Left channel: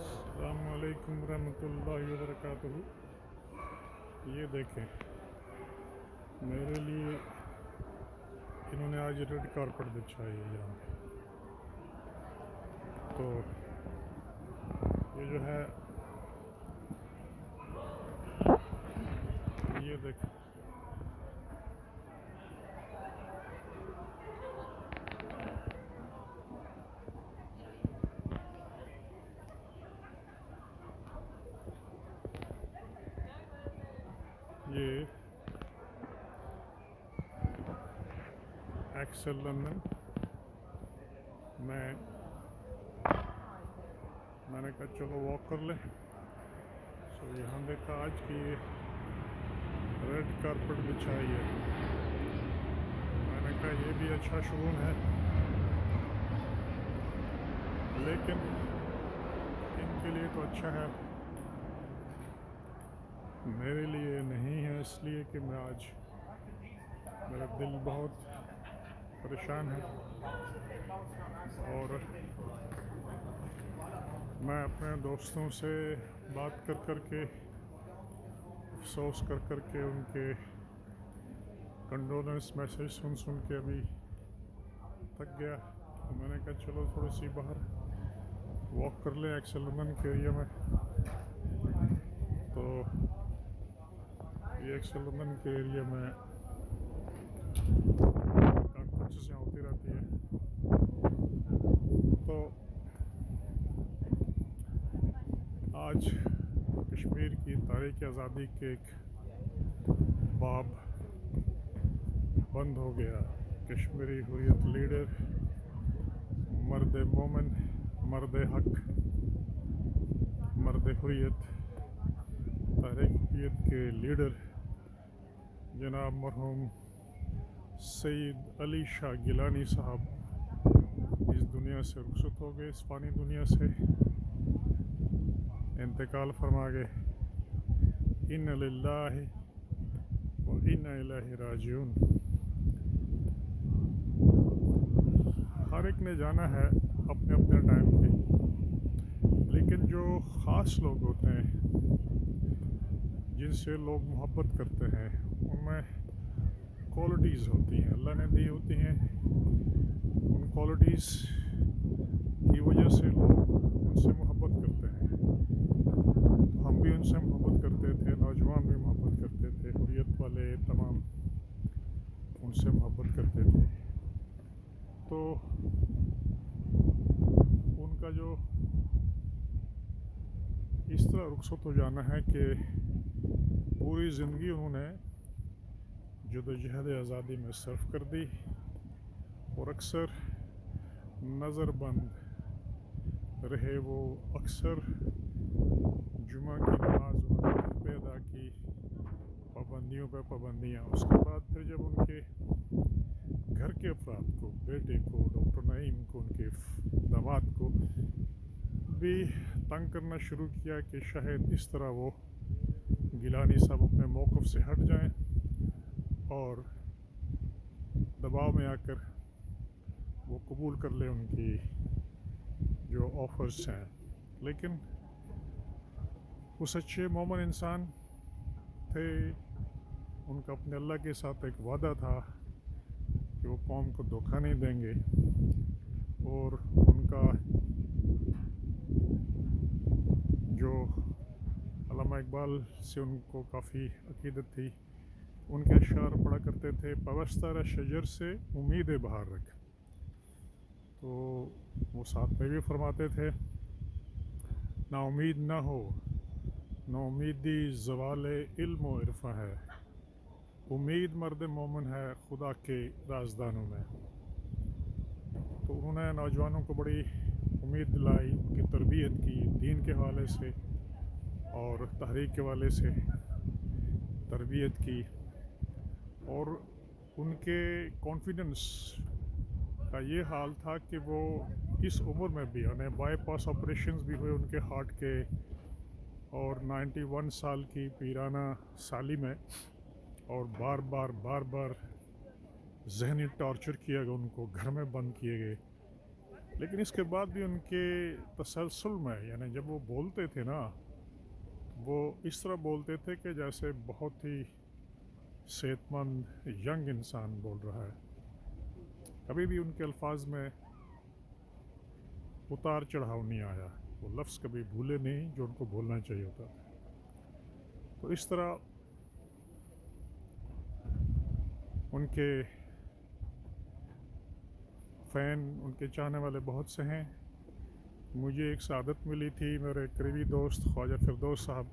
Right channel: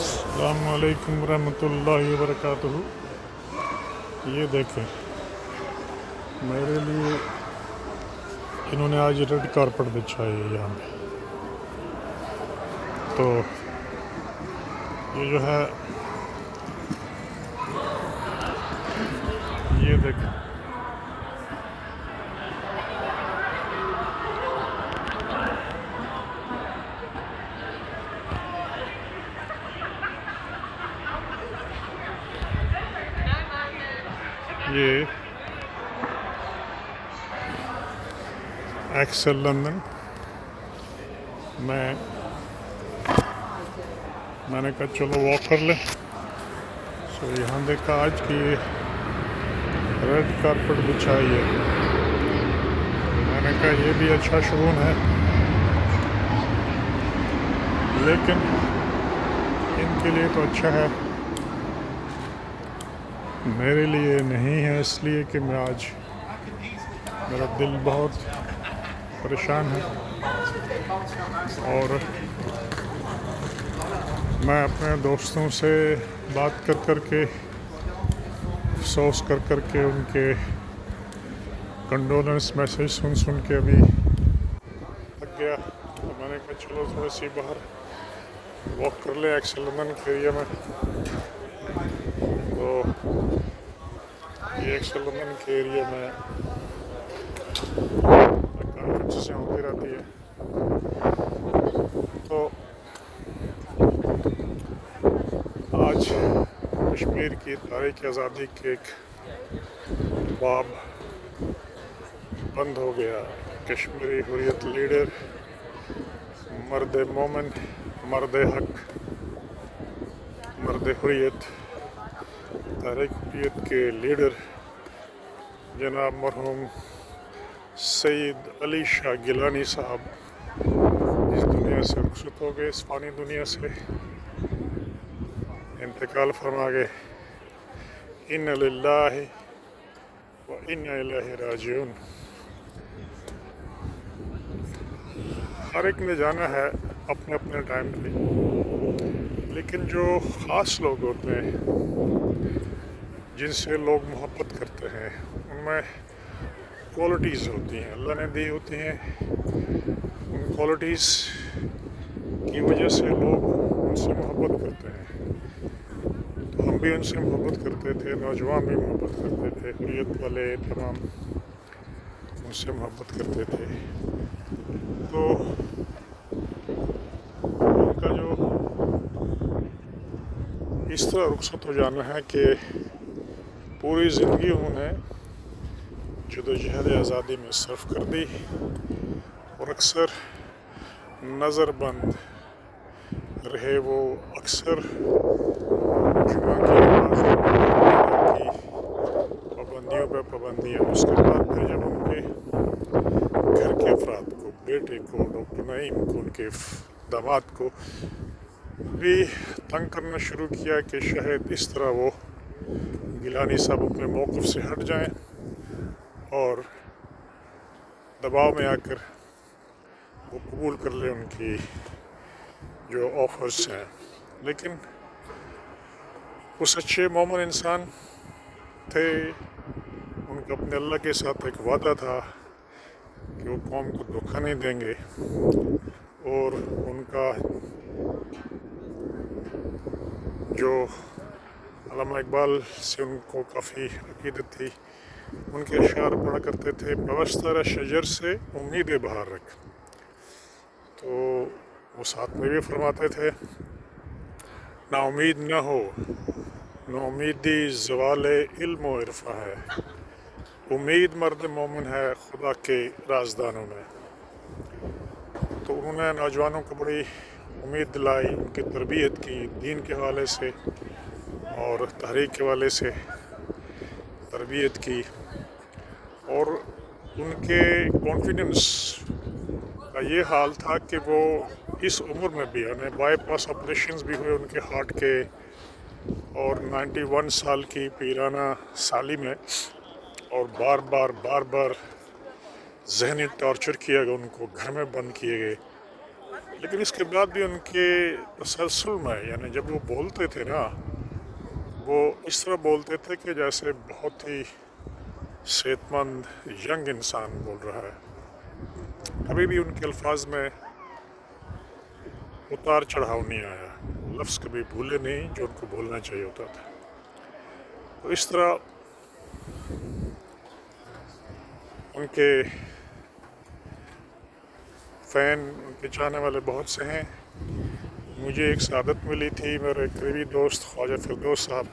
السلام علیکم ورحمۃ اللہ وبرکاتہ۔ یہ دیکھیں، میرے لیے انہوں نے آج ریڈ کارپٹ بچھائی ہے یہاں پہ۔ تو یہ جو ہے، یہ دیکھیں، یہ ایکسل لندن میں نے کہا چلو واک کر لیں۔ سو یہاں دیکھا آج کی ریڈ کارپٹ بچھائی ہے۔ میں نے کہا یہ بھی اچھا شگون ہے، لیکن ان کے لیے تو اچھا ہے، میرے لیے نہیں ہے، اس لیے کہ میں آج میرا دل بہت پریشان ہے، اور میں اپنے دوستوں سے بات کر کے، افسوس کر کے، ان کے کنڈولنس میسیج سن کے ابھی تھک گیا۔ تو میں نے کہا چلو تھوڑی سی باہر واک کر لیں ایکسل لندن کے ایریا میں۔ تو یہ ایکسل لندن کے ایریا میں کافی چیزیں ہوتی رہتی ہے۔ تو آج کشمیر کی تاریخ آزادی کے ایک باب بند ہو گیا۔ کشمیری حریت لیڈر، مرد مومن، مرد حق، مرد حریت، تحریک حریت کے لیڈر جناب مرحوم سید علی شاہ گیلانی صاحب اس دنیا سے رخصت ہو گئے، اس فانی دنیا سے انتقال فرما گئے۔ ان للہ و انا الیہ راجعون۔ ہر ایک نے جانا ہے اپنے اپنے ٹائم پہ، لیکن جو خاص لوگ ہوتے ہیں جن سے لوگ محبت کرتے ہیں، ان میں کوالٹیز ہوتی ہیں، اللہ نے دی ہوتی ہیں۔ ان کوالٹیز کی وجہ سے لوگ ان سے محبت کرتے ہیں۔ تو ہم بھی ان سے محبت کرتے تھے، نوجوان بھی محبت کرتے تھے، حریت والے تمام ان سے محبت کرتے تھے۔ تو ان کا جو اس طرح رخصت ہو جانا ہے کہ پوری زندگی انہوں نے جدوجہد آزادی میں صرف کر دی، اور اکثر نظر بند رہے وہ، اکثر جمعہ کی نماز کی پابندیوں پہ پابندیاں۔ اس کے بعد پھر جب ان کے گھر کے افراد کو، بیٹے کو، ڈاکٹر نعیم کو، ان کے داماد کو بھی تنگ کرنا شروع کیا کہ شاید اس طرح وہ گیلانی صاحب اپنے موقف سے ہٹ جائیں اور دباؤ میں آ کر وہ قبول کر لیں ان کی جو آفرز ہیں۔ لیکن وہ سچے مومن انسان تھے، ان کا اپنے اللہ کے ساتھ ایک وعدہ تھا کہ وہ قوم کو دھوکہ نہیں دیں گے، اور ان کا جو علامہ اقبال سے ان کو کافی عقیدت تھی، ان کے اشعار پڑھا کرتے تھے، پوستر شجر سے امید بہار رکھ۔ تو وہ ساتھ میں بھی فرماتے تھے، نا امید نہ ہو، نا امیدی زوال علم و عرفہ ہے، امید مرد مومن ہے خدا کے رازدانوں میں۔ تو انہوں نے نوجوانوں کو بڑی امید دلائی، ان کی تربیت کی، دین کے حوالے سے اور تحریک کے حوالے سے تربیت کی، اور ان کے کانفیڈنس کا یہ حال تھا کہ وہ اس عمر میں بھی، انہیں بائی پاس آپریشنز بھی ہوئے ان کے ہارٹ کے، اور 91 سال کی پیرانہ سالی میں، اور بار بار ذہنی ٹارچر کیا گیا، ان کو گھر میں بند کیے گئے، لیکن اس کے بعد بھی ان کے تسلسل میں یعنی جب وہ بولتے تھے نا وہ اس طرح بولتے تھے کہ جیسے بہت ہی صحت مند ینگ انسان بول رہا ہے. کبھی بھی ان کے الفاظ میں اتار چڑھاؤ نہیں آیا, لفظ کبھی بھولے نہیں جو ان کو بولنا چاہیے ہوتا تھا. تو اس طرح ان کے فین, ان کے چاہنے والے بہت سے ہیں. مجھے ایک سعادت ملی تھی, میرے قریبی دوست خواجہ فردوس صاحب,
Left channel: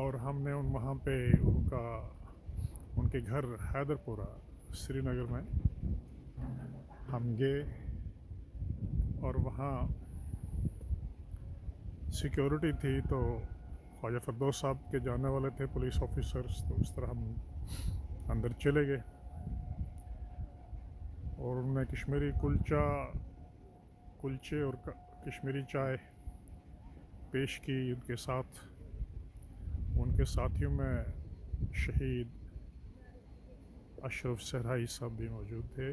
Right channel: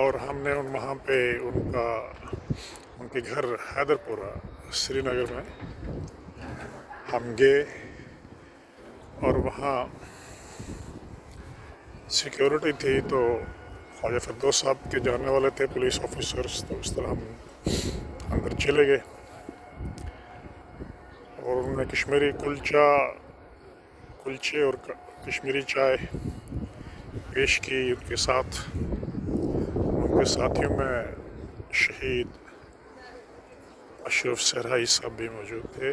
اور ہم نے وہاں پہ ان کے گھر حیدر پورہ سری نگر میں ہم گئے, اور وہاں سیکیورٹی تھی تو خواجہ فردوس صاحب کے جانے والے تھے پولیس آفیسرز, تو اس طرح ہم اندر چلے گئے اور انہوں نے کشمیری کلچے اور کشمیری چائے پیش کی. ان کے ساتھ ان کے ساتھیوں میں شہید اشرف صحرائی صاحب بھی موجود تھے,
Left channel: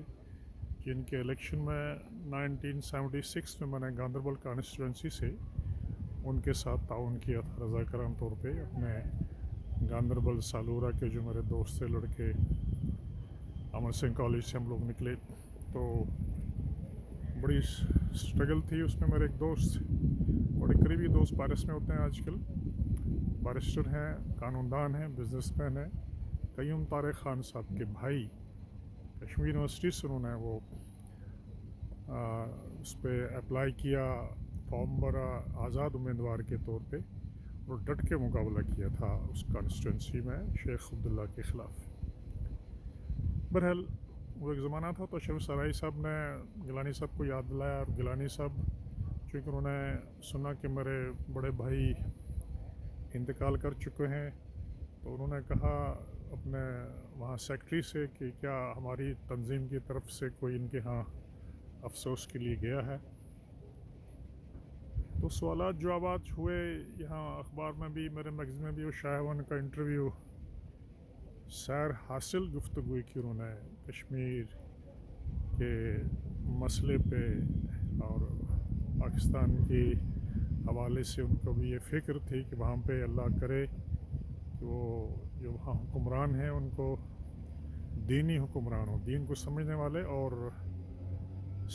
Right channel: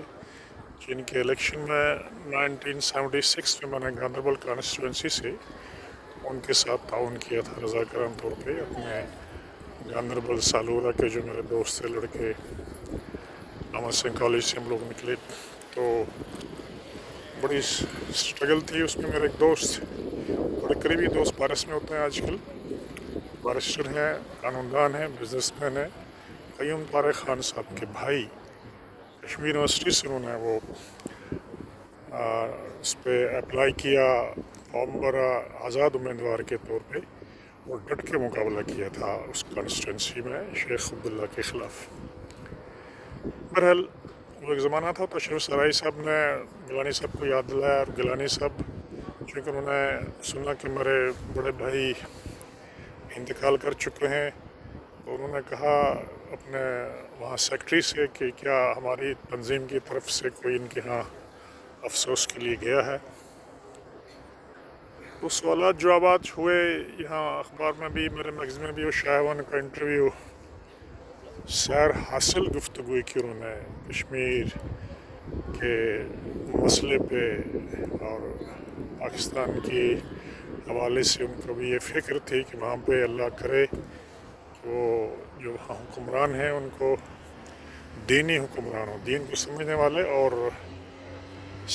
جن کے الیکشن میں 1976 میں نے گاندربل کانسٹیچوئنسی سے ان کے ساتھ تعاون کیا تھا رضاکارانہ طور پہ. اپنے گاندربل سالورہ کے جو میرے دوست تھے لڑکے, امر سنگھ کالج سے ہم لوگ نکلے, تو بڑی اسٹرگل تھی اس میں. میرے ایک دوست, بڑے قریبی دوست پارس میں ہوتے ہیں آج کل, بارسٹر ہیں, قانون دان ہیں, بزنس مین ہیں, قیوم طارق خان صاحب کے بھائی. کشمیر یونیورسٹی سے انہوں نے وہ اس پہ اپلائی کیا, فارم بھرا آزاد امیدوار کے طور پہ, اور ڈٹ کے مقابلہ کیا تھا اس کانسٹیچوئنسی میں شیخ عبداللہ کے خلاف. بہرحال وہ ایک زمانہ تھا. تو اشرف صحرائی صاحب نے گیلانی صاحب کو یاد دلایا, اور گیلانی صاحب چونکہ انہوں نے سنا کہ میرے بڑے بھائی انتقال کر چکے ہیں, تو انہوں نے کہا اپنے وہاں سیکٹری سے کہ کیا ہماری تنظیم کی طرف سے کوئی ان کے ہاں افسوس کے لیے گیا ہے. تو سوالات جوابات ہوئے یہاں اخبار میں بھی, میرے میگزین میں بھی, وہ شاہوان کا انٹرویو, سیر حاصل گفتگو کی انہوں نے کشمیر کے مسئلے پہ, اور پاکستان کے حوالے سے ان کو بھی یہ فکر تھی کہ وہاں پہ اللہ کرے کہ وہ جو وہاں حکمران ہیں ان کو دینی حکمران ہوں, دین کو سمجھنے والے اور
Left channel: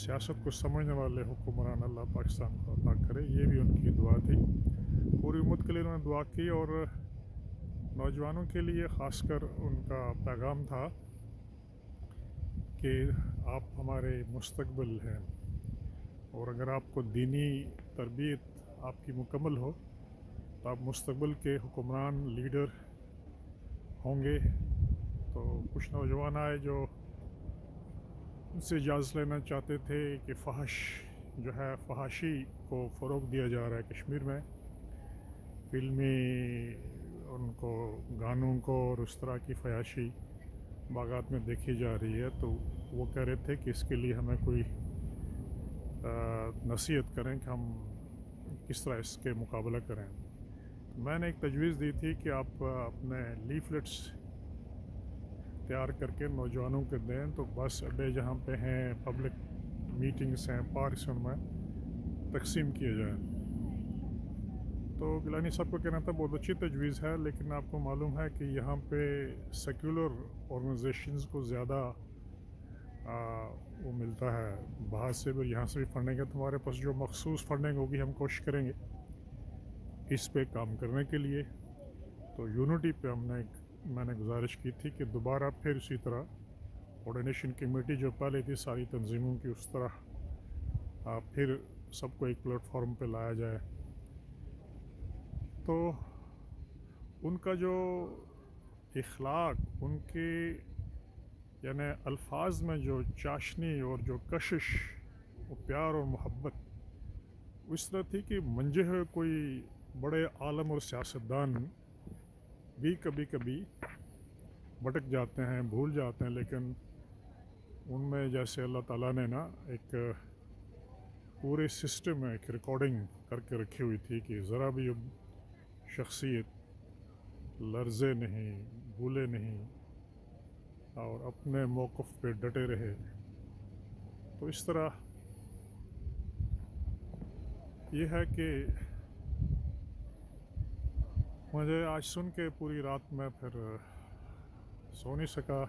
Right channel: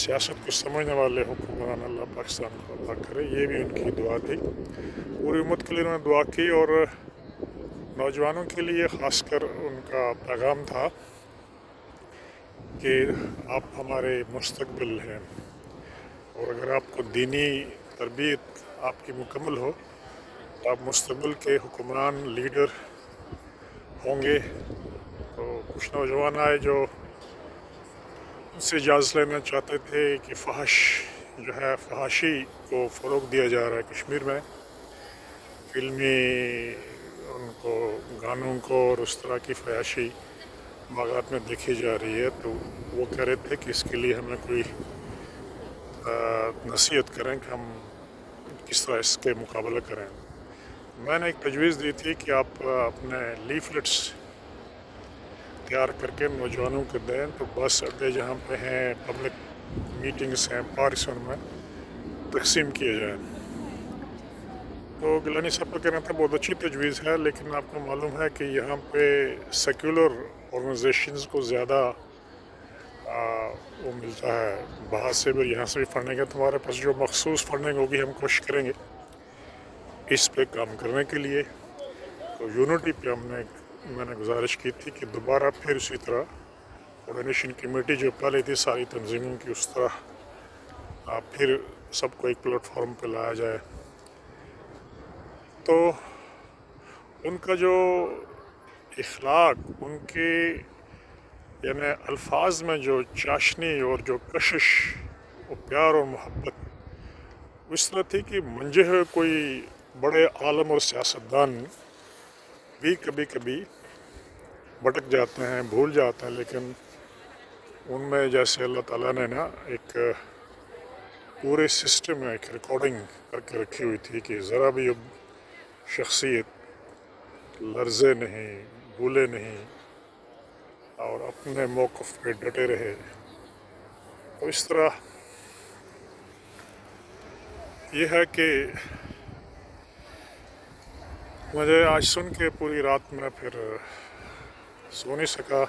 سیاست کو سمجھنے والے حکمران اللہ پاکستان کو عطا کرے. یہ بھی ان کی دعا تھی. پوری امت کے لیے انہوں نے دعا کی, اور نوجوانوں کے لیے خاص کر ان کا پیغام تھا کہ آپ ہمارے مستقبل ہیں, اور اگر آپ کو دینی تربیت آپ کی مکمل ہو تو آپ مستقبل کے حکمران لیڈر ہوں گے. تو کچھ نوجوان آئے جو ان سے اجازت لینا چاہتے تھے کہ فحش جو ہے, فحاشی کو فروغ دیا جا رہا ہے کشمیر میں, فلمی ان کو گانوں کو اور اس طرح کی فحاشی باغات میں دیکھی جا رہی ہے. تو وہ کہہ رہے تھے کہ اس کے لیے ہمیں کوئی نصیحت کریں کہ ہم کس طرح اس کے مقابلہ کریں. میں نے ایک تجویز دی تھی کہ آپ اپنے لیفلیٹس تیار کر کے نوجوانوں کو دیں, تو بس اڈے جہاں پہ ہیں, پبلک میٹنگس ہیں, پارکس میں تقسیم کیے جائیں. تو گیلانی صاحب کا کہنا تھا بہت اچھی تجویز ہے, لیکن آپ کو معلوم ہے کہ یہاں پہ سیکولر آرگنائزیشنز کو زیادہ وہ ملتا ہے باہر سے بھی, یہاں سے بھی فنڈنگ ہے. تمہارے پاس جو مخصوص فنڈنگ ہوگی ہم کوشش کریں گے اس پہ کام کرنے کے لیے. تو یونٹی پہ میں نے گزارش کی تھی کہ دوبارہ پھر اسی طرح کوآرڈینیشن کمیٹی جو پہلے تھی ساری تنظیموں کی, اس طرح پھر سب کو ایک پلیٹ فارم پہ لایا جائے. تو ان کا جو اخلاق, ان کے یعنی الفاظ میں جو چاشنی اور جو کشش اور پیار اور محبت اس طرح تھی کہ منجے ہوئے کوئی بڑے عالم اور سیاستدان بھی کبھی کبھی بھٹک جاتے ہیں, بھول جاتے ہیں, لیکن ان میں جیسے اللہ تعالیٰ نے نا ایک پورے سسٹم میں ایک ریکارڈنگ کر کے رکھی ہوئی تھی کہ ذرا بھی اب شخصیت لرزے نہیں, بھولے نہیں, اور اپنے موقف پہ ڈٹے رہے. تو اس طرح یہ ہے کہ مجھے آج سن کے پوری رات میں پھر سو نہیں سکا.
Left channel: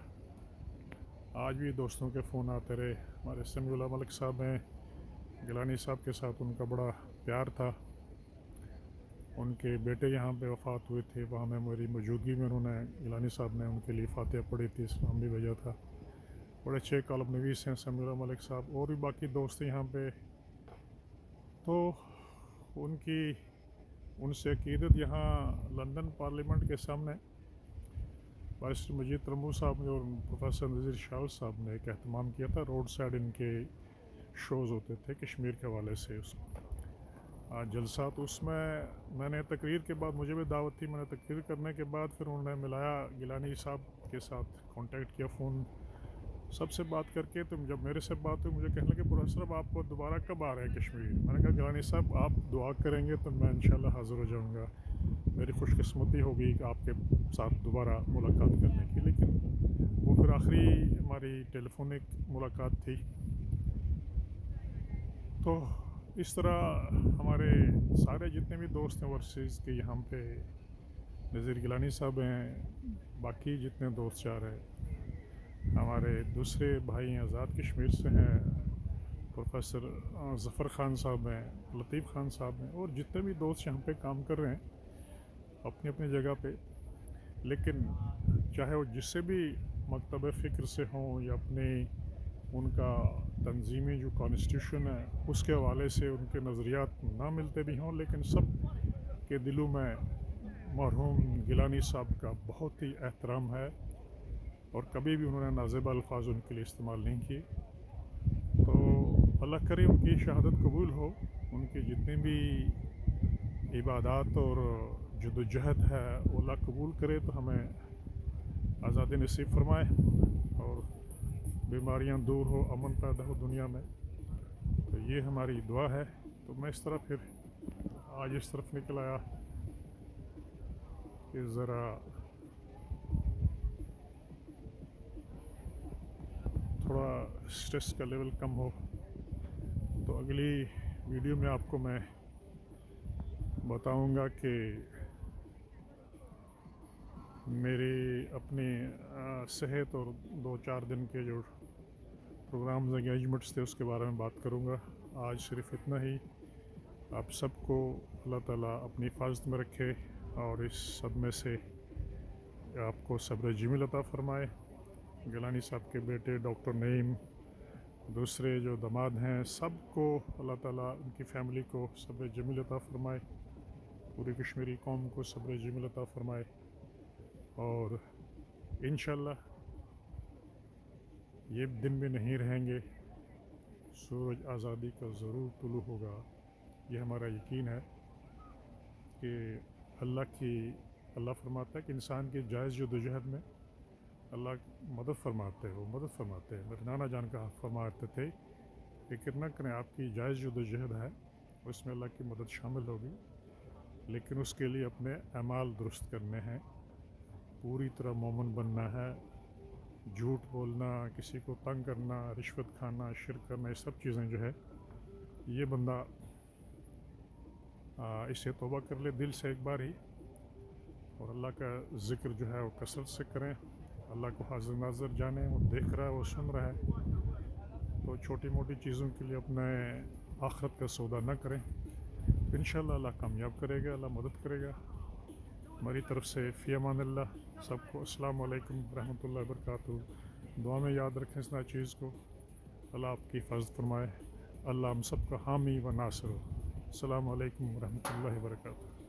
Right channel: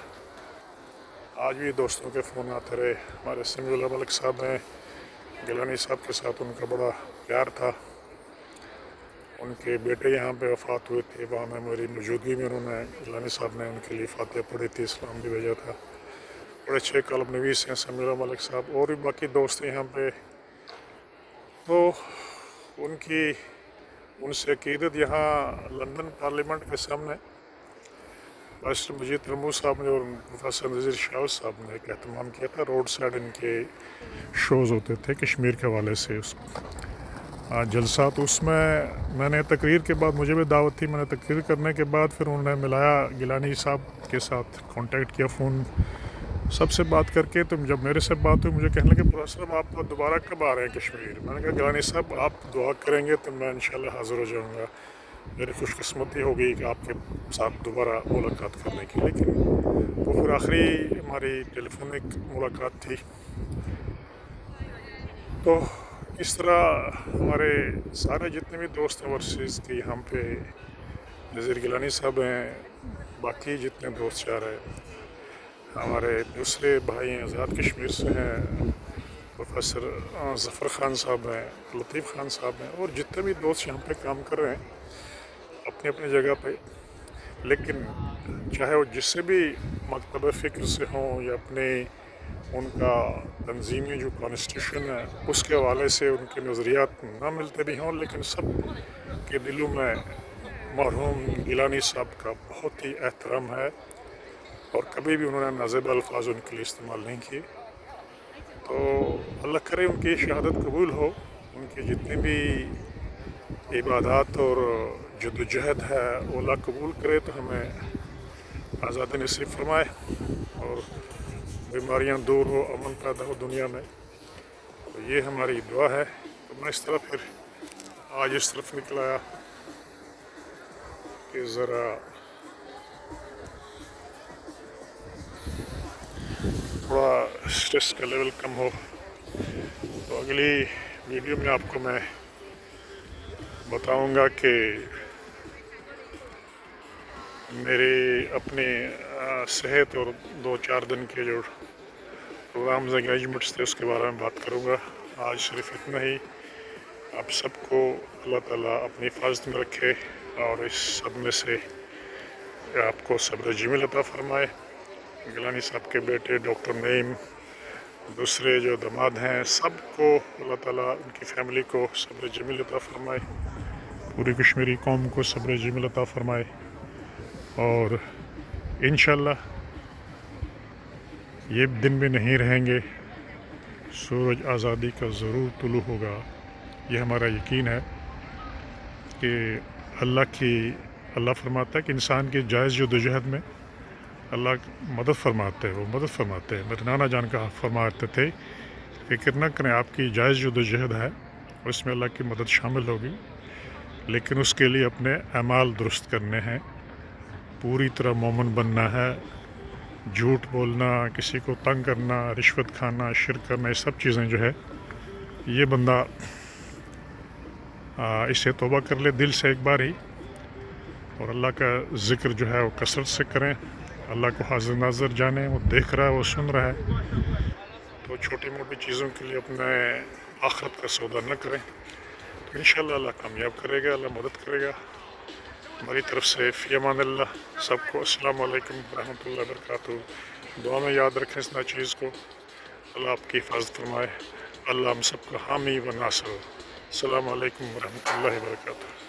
آج بھی دوستوں کے فون آتے رہے. ہمارے سمیع اللہ ملک صاحب ہیں, گیلانی صاحب کے ساتھ ان کا بڑا پیار تھا. ان کے بیٹے یہاں پہ وفات ہوئے تھے, وہاں میں میری موجودگی میں انہوں نے گیلانی صاحب نے ان کے لیے فاتحہ پڑھی تھی, اسلام بھی بھیجا تھا. بڑے اچھے کالم نویس ہیں سمیع اللہ ملک صاحب, اور بھی باقی دوست ہیں یہاں پہ. تو ان سے عقیدت یہاں لندن پارلیمنٹ کے سامنے بارسٹر مجید رمبو صاحب نے اور پروفیسر نذیر شاہ صاحب نے ایک اہتمام کیا تھا. روڈ سائڈ ان کے شوز ہوتے تھے کشمیر کے حوالے سے جلسہ. تو اس میں نے تقریر کے بعد, مجھے بھی دعوت تھی, میں نے تقریر کرنے کے بعد پھر انہوں نے ملایا گیلانی صاحب کے ساتھ, کانٹیکٹ کیا فون سب سے بات کر کے. تو جب میرے سے بات ہوئی مجھے کہنے لگے پروفیسر صاحب آپ دوبارہ کب آ رہے ہیں کشمیر؟ میں نے کہا گیلانی صاحب آپ دعا کریں گے تو میں انشاءاللہ حاضر ہو جاؤں گا. میری خوش قسمتی ہوگی کہ آپ کے ساتھ دوبارہ ملاقات کرنے کی. لیکن وہ پھر آخری ہماری ٹیلی فونک ملاقات تھی. تو اس طرح ہمارے سارے جتنے بھی دوست ہیں ورسز کے یہاں پہ نذیر گیلانی صاحب ہیں, باقی جتنے دوست چار ہیں, ہمارے دوسرے بھائی ہیں آزاد کشمیر سے ہیں, پروفیسر ظفر خان صاحب ہیں, لطیف خان صاحب ہیں, اور جتنے بھی دوست یہاں پہ کام کر رہے ہیں اپنی اپنی جگہ پہ. لیکن چاہے وہ جس سے بھی مکتب فکر سے ہوں یا اپنے ان کا تنظیمی جو کانسٹیٹیوشن ہے اس کے حوالے سے ان کے نظریات نہ ملتے بھی ہوں, لیکن سب کے دلوں میں مرحوم گیلانی صاحب کا بہت ہی احترام ہے, اور کبھی بھی انہوں نے نازیبا الفاظ ان کے لیے استعمال نہیں کیے. تو اللہ کرے ان کی شہادت قبول ہو, ان کی جتنی بھی عبادات اور جدوجہد ہے وہ اللہ قبول کرے, تو ہمیں آزادی نصیب فرمائے اور بیماریاں دور ہو, امن پیدا ہو دنیا میں. تو یہ ہماری دعا ہے. تو میں اس طرح پھر آج اس طرف نکل آیا کہ ذرا تھوڑا اسٹریس کا لیول کم ہو. تو اگلی ویڈیو میں آپ کو میں بتاؤں گا کہ میری اپنی صحت اور 2-4 دن کے جو پروگرامز انگیجمنٹس تھے اس کے بارے میں بات کروں گا. آج صرف اتنا ہی. آپ سب کو اللہ تعالیٰ اپنی حفاظت میں رکھے اور اس صدمے سے آپ کو صبر جمیل عطا فرمائے. گیلانی صاحب کے بیٹے ڈاکٹر نعیم, دوسرے جو داماد ہیں, سب کو اللہ تعالیٰ ان کی فیملی کو صبر جمیل عطا فرمائے. پوری کشمیری قوم کو صبر جمیل عطا فرمائے. اور انشاءاللہ یہ دن بھی نہیں رہیں گے, سورج آزادی کا ضرور طلوع ہوگا. یہ ہمارا یقین ہے کہ اللہ فرماتا ہے کہ انسان کی جائز جدوجہد میں اللہ مدد فرماتے ہیں, وہ مدد فرماتے ہیں. میرے نانا جان کا فرماتے تھے فکر نہ کریں, آپ کی جائز جدوجہد ہے اس میں اللہ کی مدد شامل ہوگی, لیکن اس کے لیے اپنے اعمال درست کرنے ہیں, پوری طرح مومن بننا ہے. جھوٹ بولنا, کسی کو تنگ کرنا, رشوت کھانا, شرک کرنا, یہ سب چیزیں جو ہے یہ بندہ اسے توبہ کر لے دل سے ایک بار ہی, اور اللہ کا ذکر جو ہے وہ کثرت سے کریں. اللہ کو حاضر ناظر جانیں, وہ دیکھ رہا ہے, وہ سن رہا ہے. تو چھوٹی موٹی چیزوں کے لیے اپنے آخرت کا سودا نہ کریں. تو انشاءاللہ اللہ کامیاب کرے گا, اللہ مدد کرے گا. ہماری طرف سے فی امان اللہ. سب کو السلام علیکم ورحمۃ اللہ وبرکاتہ. دعا میں یاد رکھیں اس چیز کو. اللہ آپ کی حفاظت فرمائے. اللہ ہم سب کا حامی و ناصر ہو. السلام علیکم ورحمۃ اللہ وبرکاتہ.